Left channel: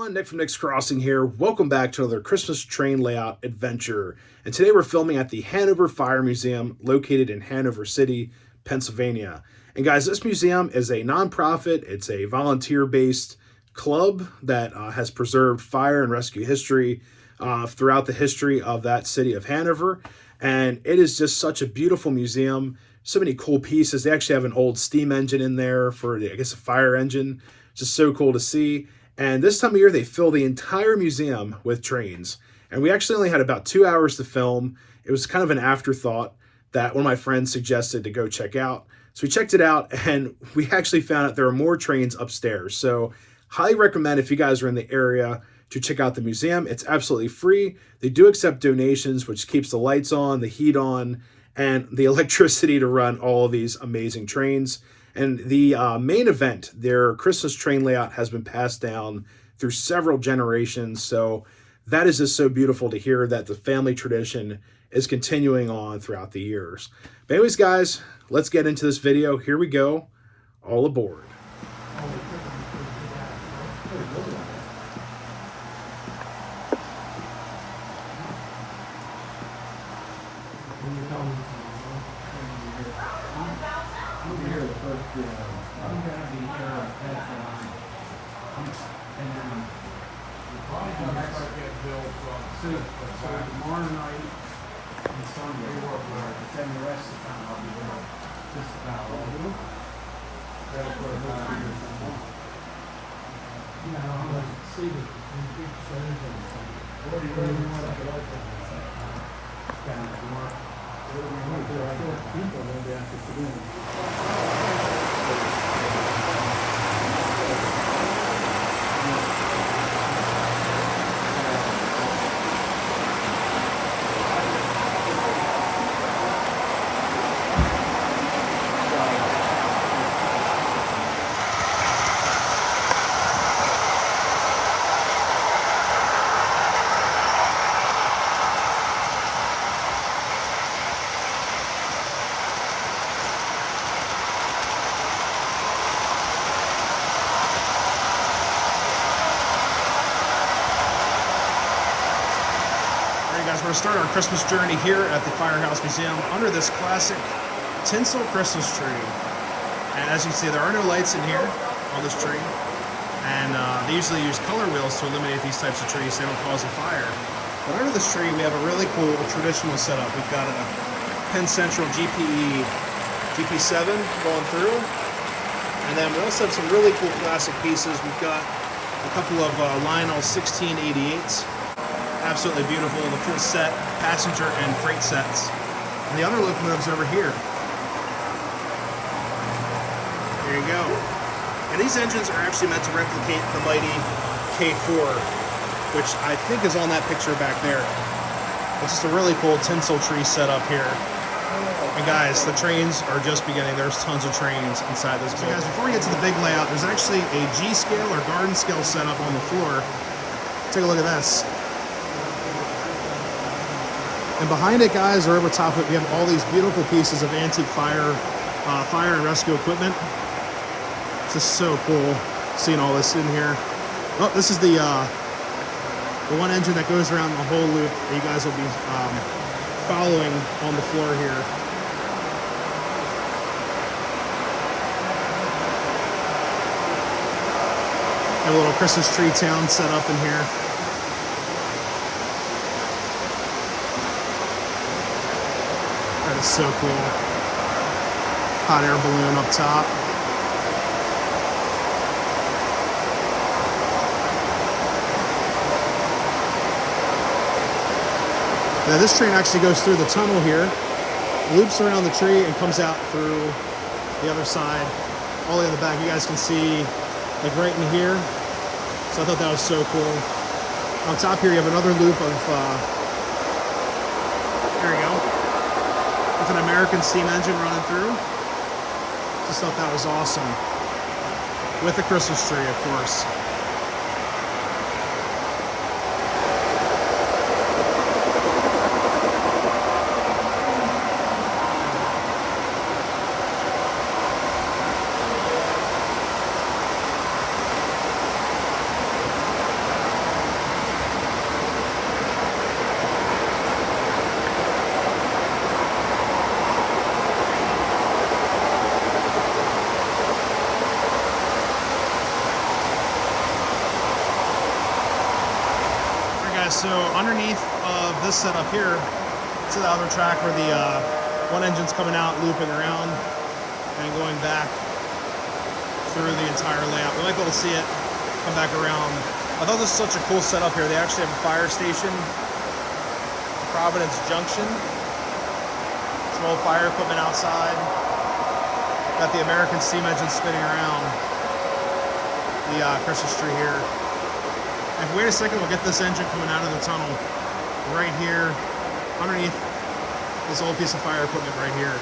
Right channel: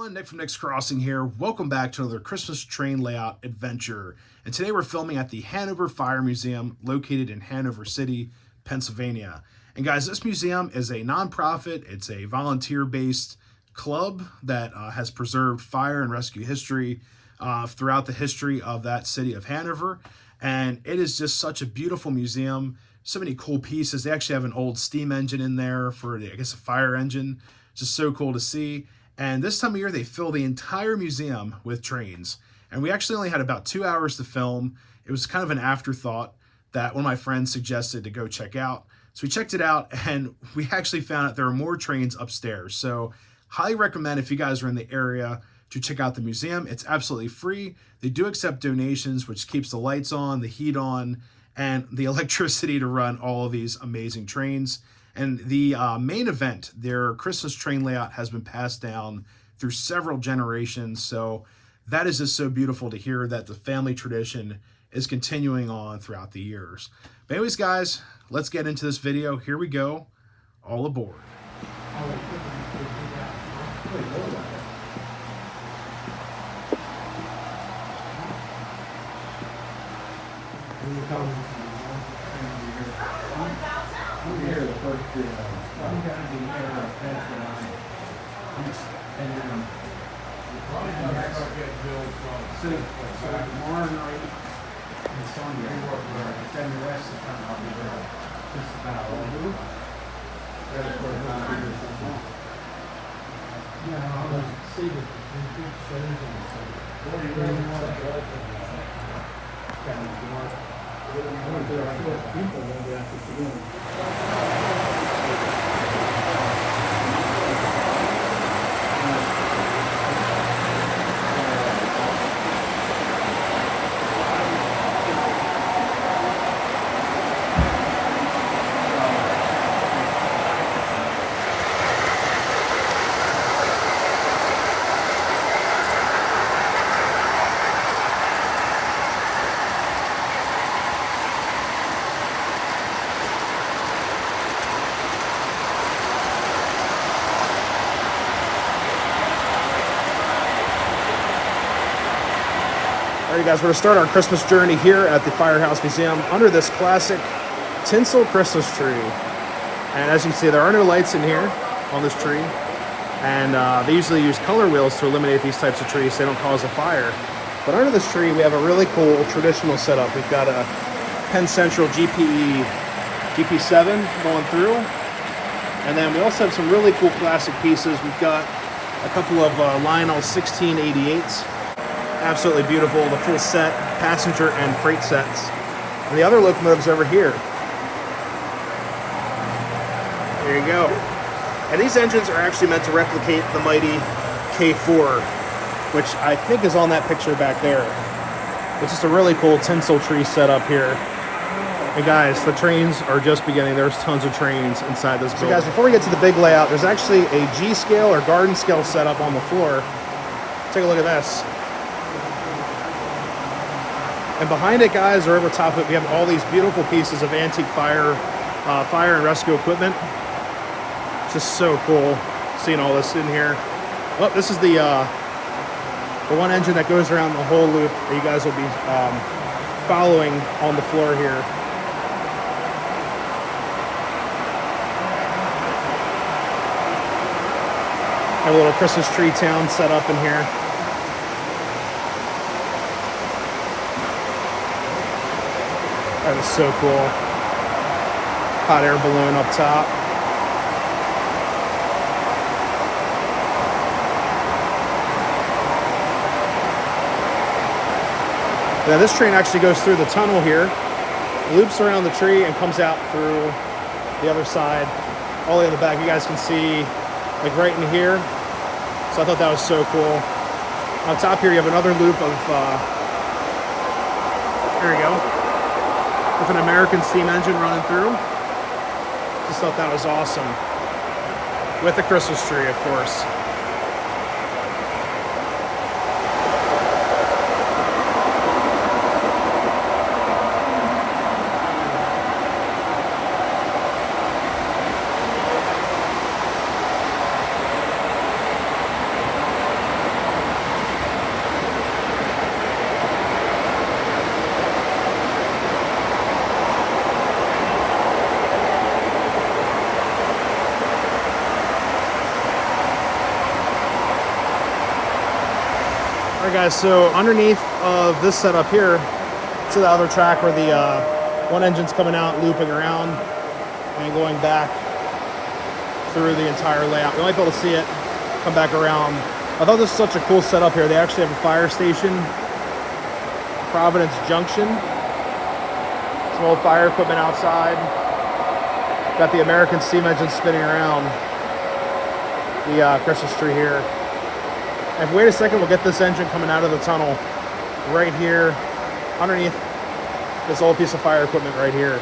everyone, Nick from Nick's Crossing here. Welcome back to another Christmas train layout adventure. And today we're filming at the Hanover Fire Museum located in Hanover City, Pennsylvania. And guys, this museum is a nonprofit. It's a volunteer-based club that has preserved fire and rescue history throughout the history of that city of Hanover. And it is just such a beautiful museum. So many cool pieces. They actually have an old steam engine in there for, I guess, a fire engine. Just so cool to see. And this time of year, they fill the entire museum with trains. And we actually only had about 2 hours to film. It was kind of an afterthought that one of my friends suggested to go check out. So we checked it out, and we actually found out there are more trains upstairs. So highly recommend, if you guys are in the area, to check out the museum. It's absolutely free. They do accept donations, which keeps the lights on, the heat on, and the electricity to run all of these amazing trains. And the main event, their Christmas train layout, has been passed down through several generations. So that is just so beautiful to hear that the family tradition is continuing on throughout the years. But anyways, guys, let's get into this video. Here we go. All aboard. All right, guys, we're going to start our Christmas journey here at the Firehouse Museum under this classic tinsel Christmas tree. And as you can see, there are no lights in here on this tree. And they usually use color wheels to eliminate these types of trees so they don't cause a fire. But under this tree, we have a really cool traditional setup. We've got a Penn Central GP7 going through. And then we also have some really cool classic pieces. We've got a couple of Lionel 1688s. Absolutely beautiful, the full set, passenger and freight sets. And the other locomotives over here. There you go. And these engines are actually meant to replicate the mighty K4, which I think is on that picture back there. It's just a really cool tinsel tree setup here. And guys, the trains are just beginning. There's tons of trains inside this building. So guys, before we get to the big layout, there's actually a G scale or garden scale setup on the floor. Take a look at this. And behind it, guys, or over top of it, we have all these beautiful pieces of antique fire and rescue equipment. Just so cool seeing all this in here. Oh, this is the one engine that goes around the whole loop that you guys will be following on the floor here. A little Christmas tree town set up in here. That is so cool. Hot air balloon up top. Now this train actually goes through the tunnel here, loops around the tree, and comes out through the other side, all the way in the back. You guys can see, like right in here. So I thought that was so cool. On top here, you have another loop of, there you go. With an American steam engine running through. Just thought that was awesome. With a Christmas tree, of course. Alright guys, so underneath of this setup here, to the other track where the one engine's coming out, looping around, and going back through the entire layout. You might be able to see it come back around. I thought this was such a cool setup here. They actually have a fire station, Providence Junction. Some old fire equipment outside. Got the American steam engine spinning around the Christmas tree here. And wait a second, we'll get this engine coming out of the tunnel right here underneath this old piece of fire equipment right here.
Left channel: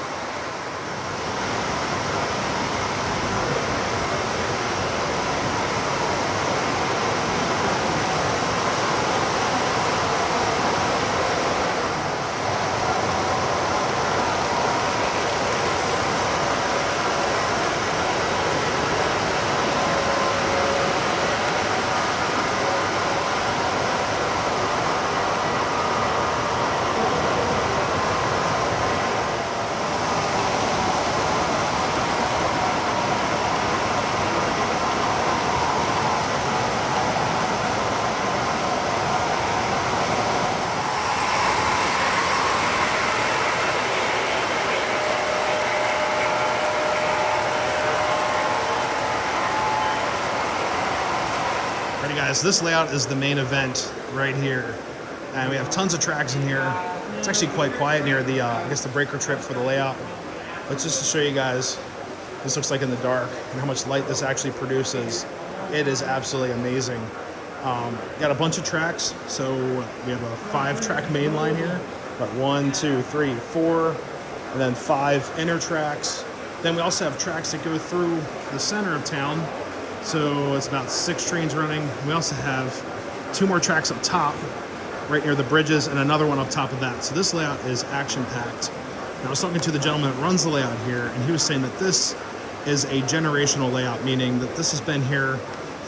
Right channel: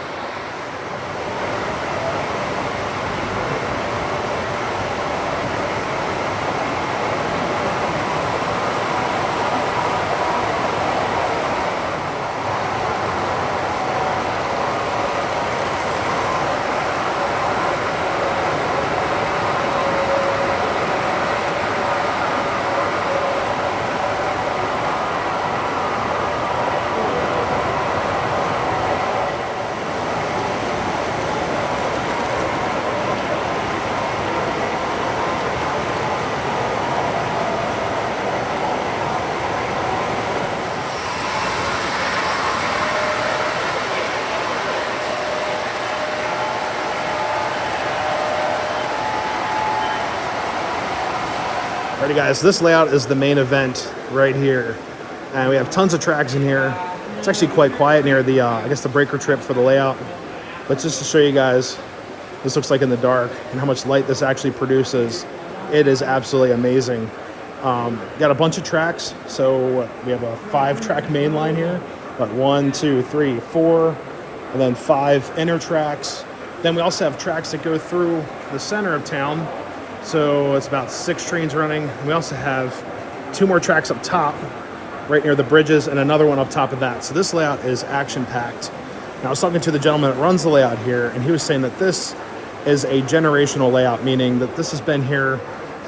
Alrighty guys, this layout is the main event right here. And we have tons of tracks in here. It's actually quite quiet near the, I guess the breaker trip for the layout. But just to show you guys, this looks like in the dark and how much light this actually produces. It is absolutely amazing. Got a bunch of tracks. So we have a 5-track main line here. Got 1, 2, 3, 4, and then 5 inner tracks. Then we also have tracks that go through the center of town. So it's about 6 trains running. We also have 2 more tracks up top, right near the bridges, and another one up top of that. So this layout is action-packed. Now I was talking to the gentleman that runs the layout here, and he was saying that this is a generational layout, meaning that this has been here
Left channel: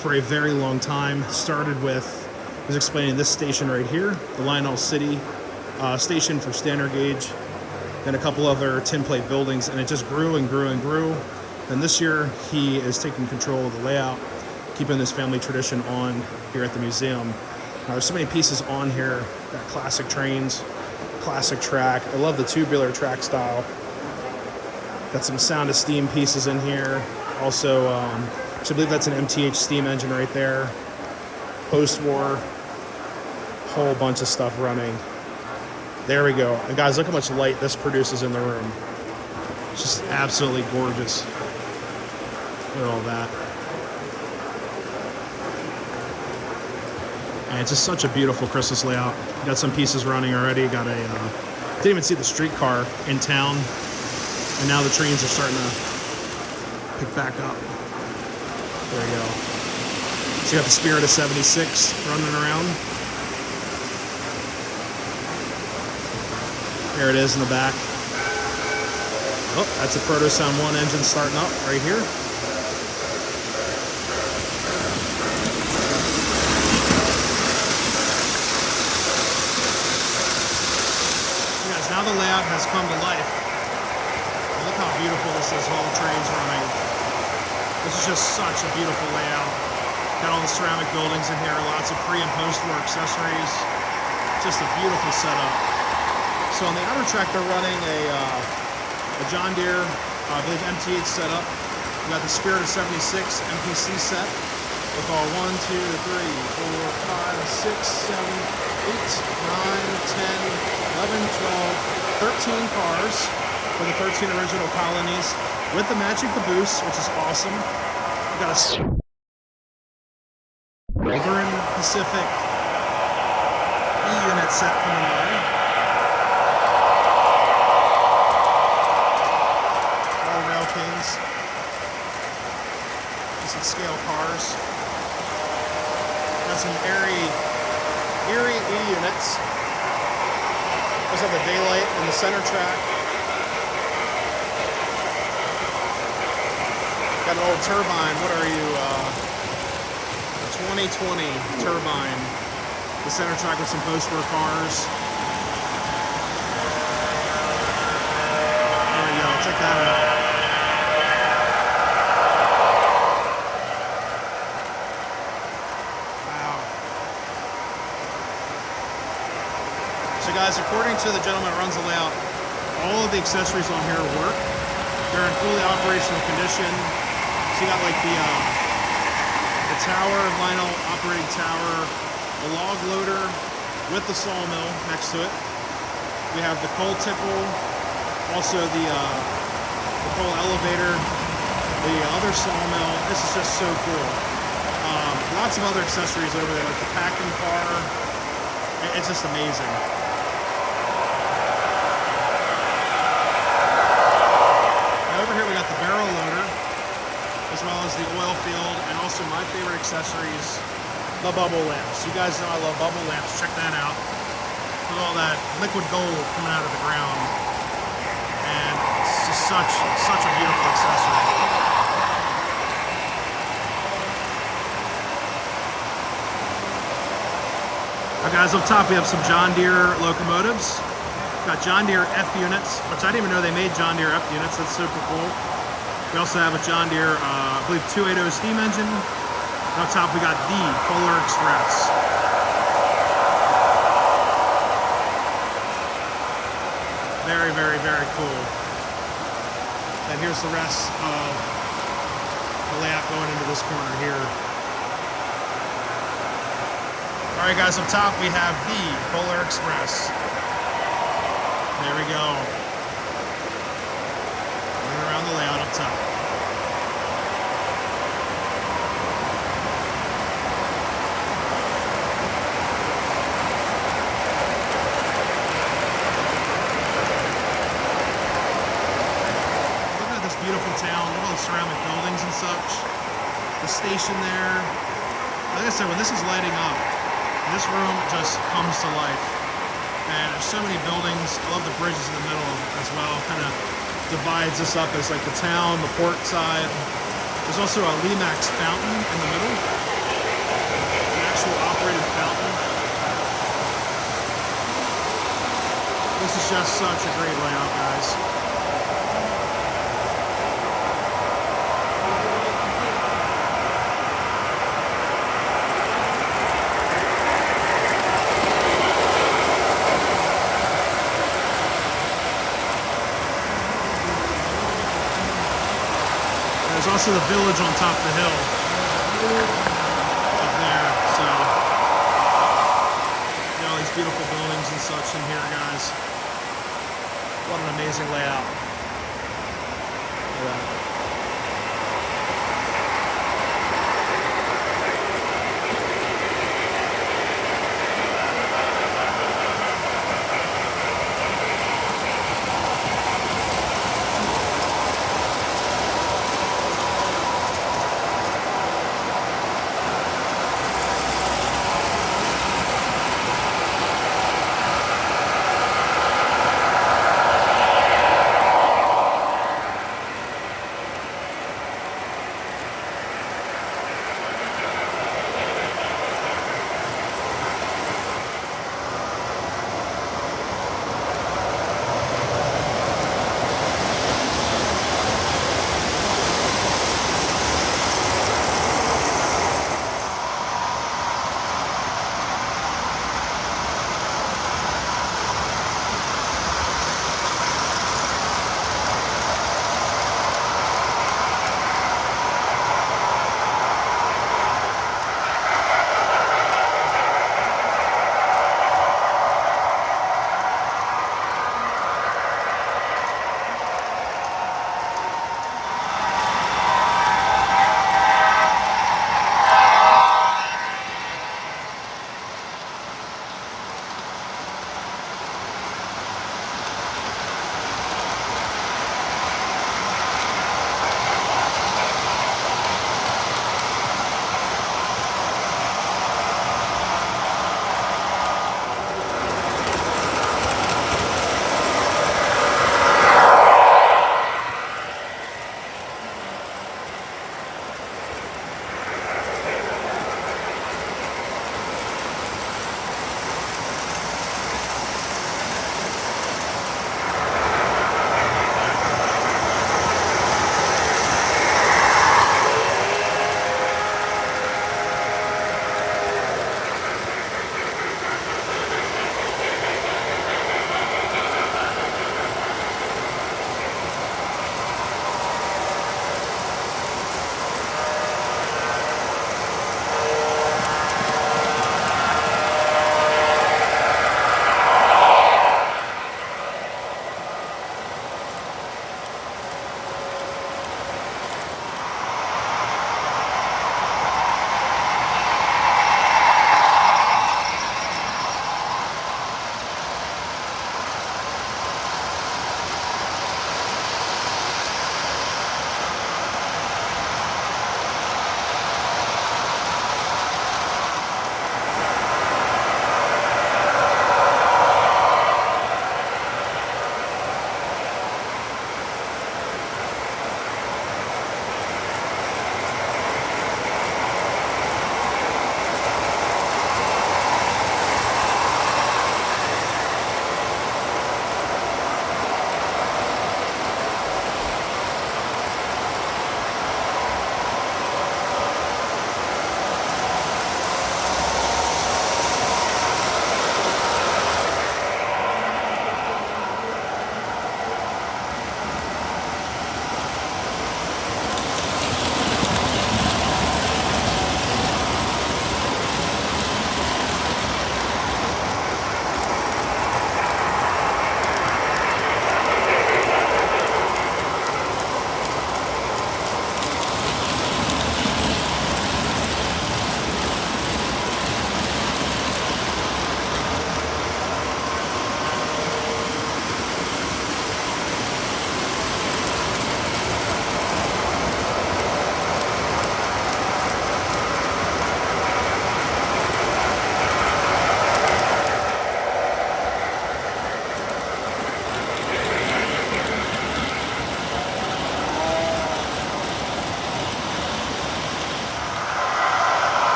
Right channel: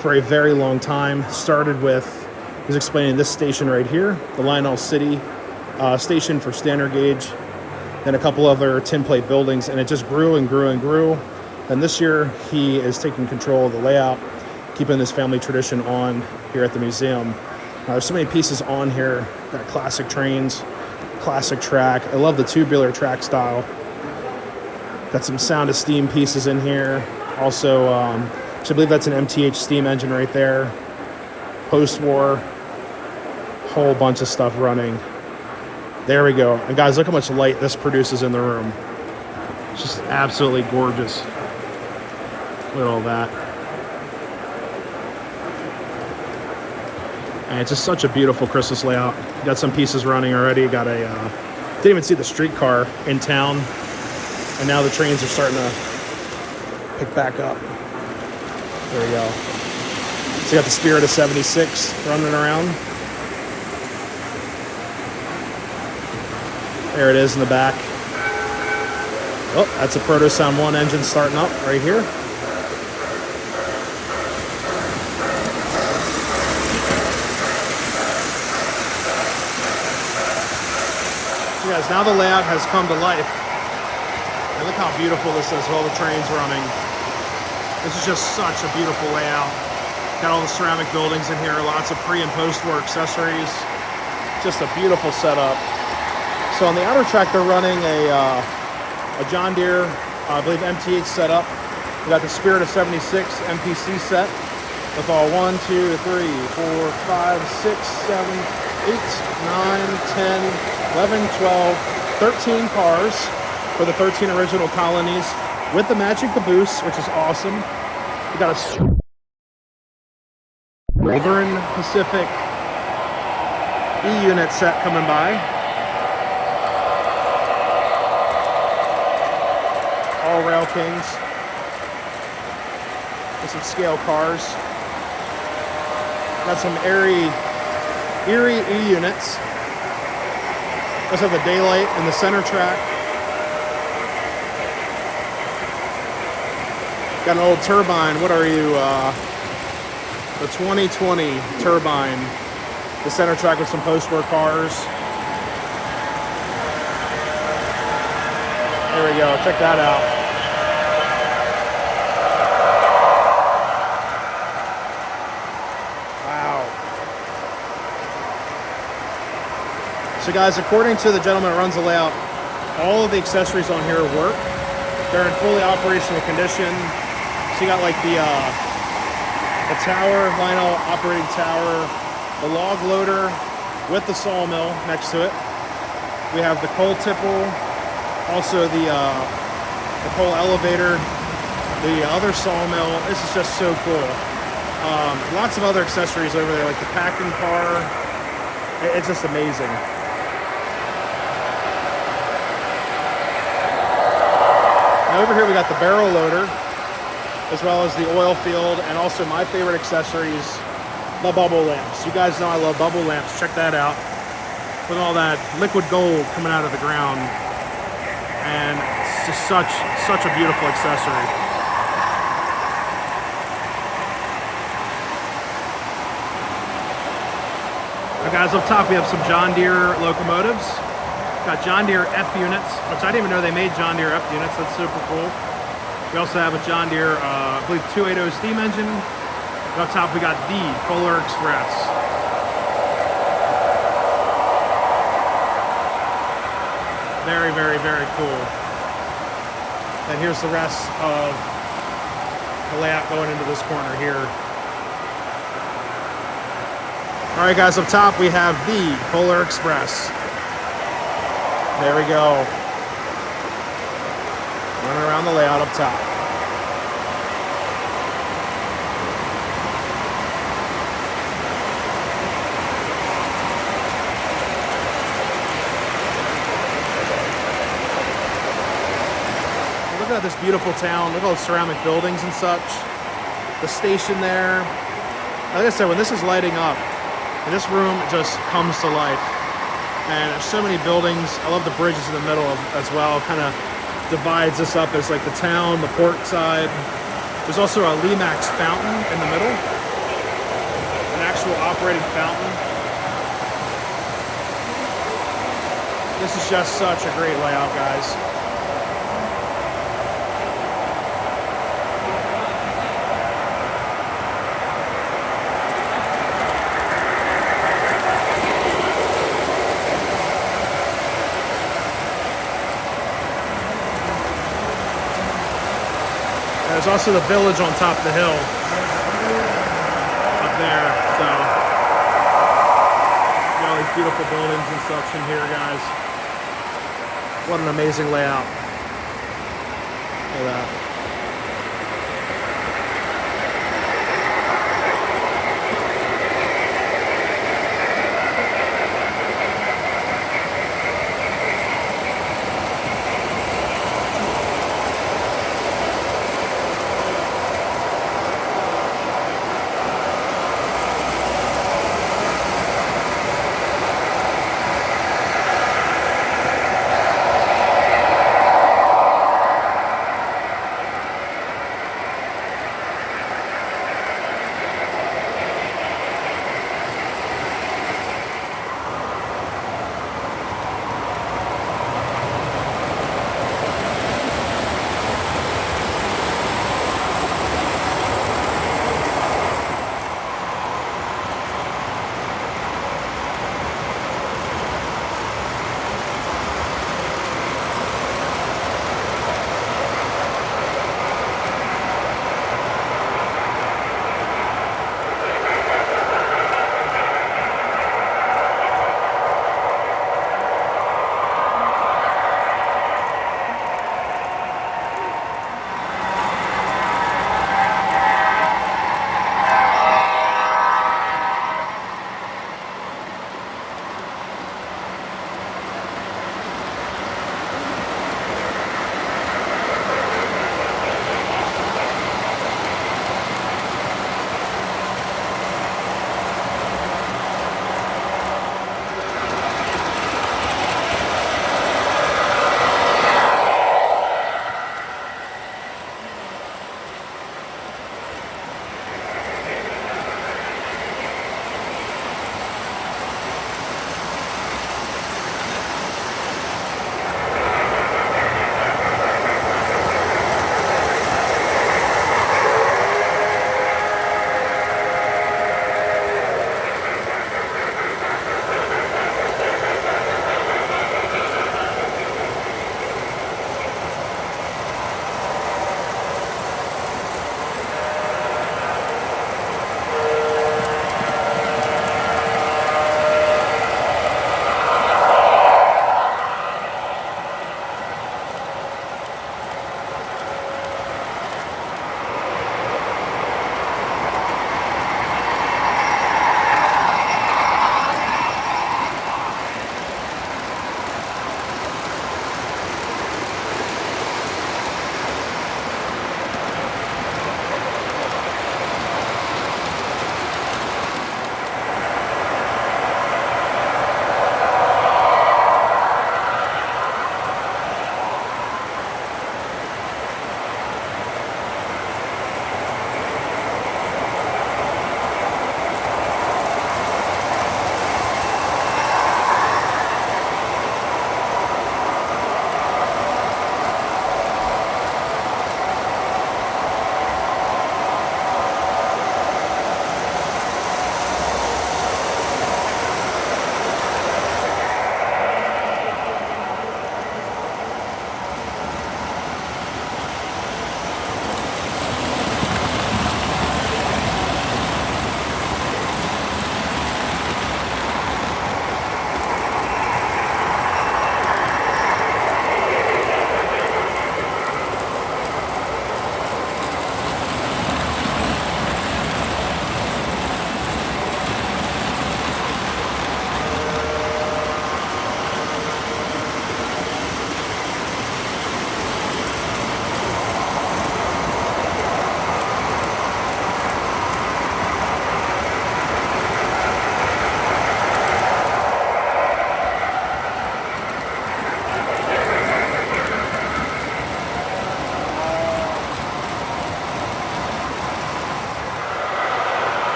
for a very long time. Started with, he was explaining this station right here, the Lionel City station for standard gauge, then a couple other tin plate buildings, and it just grew and grew and grew. And this year, he is taking control of the layout, keeping this family tradition on here at the museum. Now, there's so many pieces on here. Got classic trains, classic track. I love the tubular track style. Got some Sound of Steam pieces in here. Also, I believe that's an MTH steam engine right there. Post-war, whole bunch of stuff running. There we go. And guys, look how much light this produces in the room. It's just absolutely gorgeous. Look at all that. And it's just such a beautiful Christmas layout. You got some pieces running already. Got a, didn't even see the streetcar in town. And now the trains are starting to pick back up. There you go. So you got the Spirit of 76 running around. There it is in the back. Oh, that's a Proto Sound 1 engine starting up right here. Guys, now the layout has come to life. And look how beautiful this is, all the trains running. This is just such a beautiful layout. Got all the ceramic buildings in here, lots of pre- and post-war accessories. Just a beautiful setup. So on the outer track, they're running a John Deere, I believe MTH setup. We got the Spirit of 76 MPC set with all 1, 2, 3, 4, 5, 6, 7, 8, 9, 10, 11, 12, 13 cars for the 13 original colonies with the matching caboose, which is awesome. We got a Northern Pacific E-unit set coming by. All Rail Kings. Some scale cars. Got some Erie E-units. Those are the daylight in the center track. Got an old turbine. What are you? The 2020 turbine. The center track with some post-war cars. There we go. Check that out. So guys, according to the gentleman that runs the layout, all of the accessories on here work. They're in fully operational condition. So you got like the tower, vinyl operating tower, the log loader with the sawmill next to it. We have the coal tipple, also the coal elevator, the other sawmill. This is just so cool. Lots of other accessories over there, like the packing car. It's just amazing. Now over here we got the barrel loader, as well as the oil field, and also my favorite accessories, the bubble lamps. You guys know I love bubble lamps. Check that out. With all that liquid gold coming out of the ground. And it's just such a beautiful accessory. Now guys, up top we have some John Deere locomotives. Got John Deere F units, which I didn't even know they made John Deere F units. That's super cool. We also have a John Deere, I believe 280 steam engine. And up top we got the Polar Express. Very, very, very cool. And here's the rest of the layout going into this corner here. All right, guys, up top we have the Polar Express. There we go. Running around the layout up top. Look at this beautiful town. Look at all the ceramic buildings and such. The station there. Like I said, when this is lighting up, and this room just comes to life. And there's so many buildings. I love the bridges in the middle as well. Kind of divides this up as like the town, the port side. There's also a Limax fountain in the middle. An actual operating fountain. This is just such a great layout, guys. There's also the village on top of the hill up there, so you know, all these beautiful buildings and such in here, guys. What an amazing layout. Look at that.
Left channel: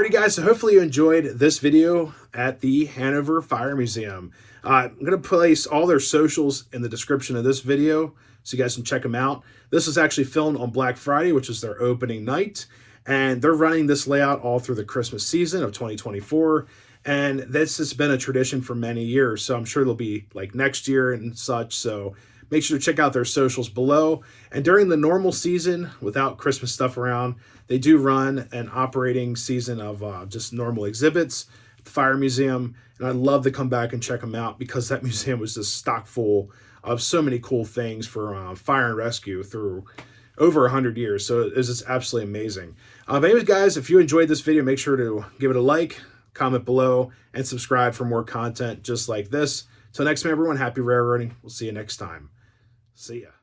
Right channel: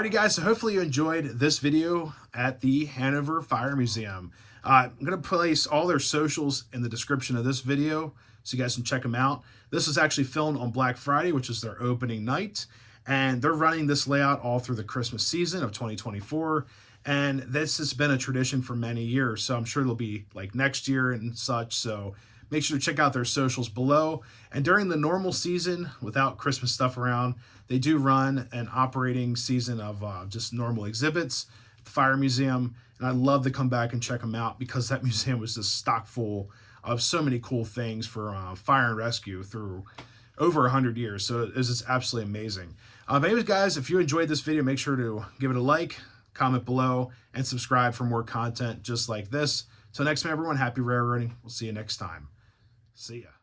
Alrighty guys, so hopefully you enjoyed this video at the Hanover Fire Museum. I'm going to place all their socials in the description of this video so you guys can check them out. This is actually filmed on Black Friday, which is their opening night, and they're running this layout all through the Christmas season of 2024, and this has been a tradition for many years, so I'm sure it'll be like next year and such, so make sure to check out their socials below. And during the normal season, without Christmas stuff around, they do run an operating season of just normal exhibits at the Fire Museum. And I'd love to come back and check them out because that museum was just stock full of so many cool things for fire and rescue through over 100 years. So it was just absolutely amazing. But anyways, guys, if you enjoyed this video, make sure to give it a like, comment below, and subscribe for more content just like this. So next time, everyone, happy railroading. We'll see you next time. See ya.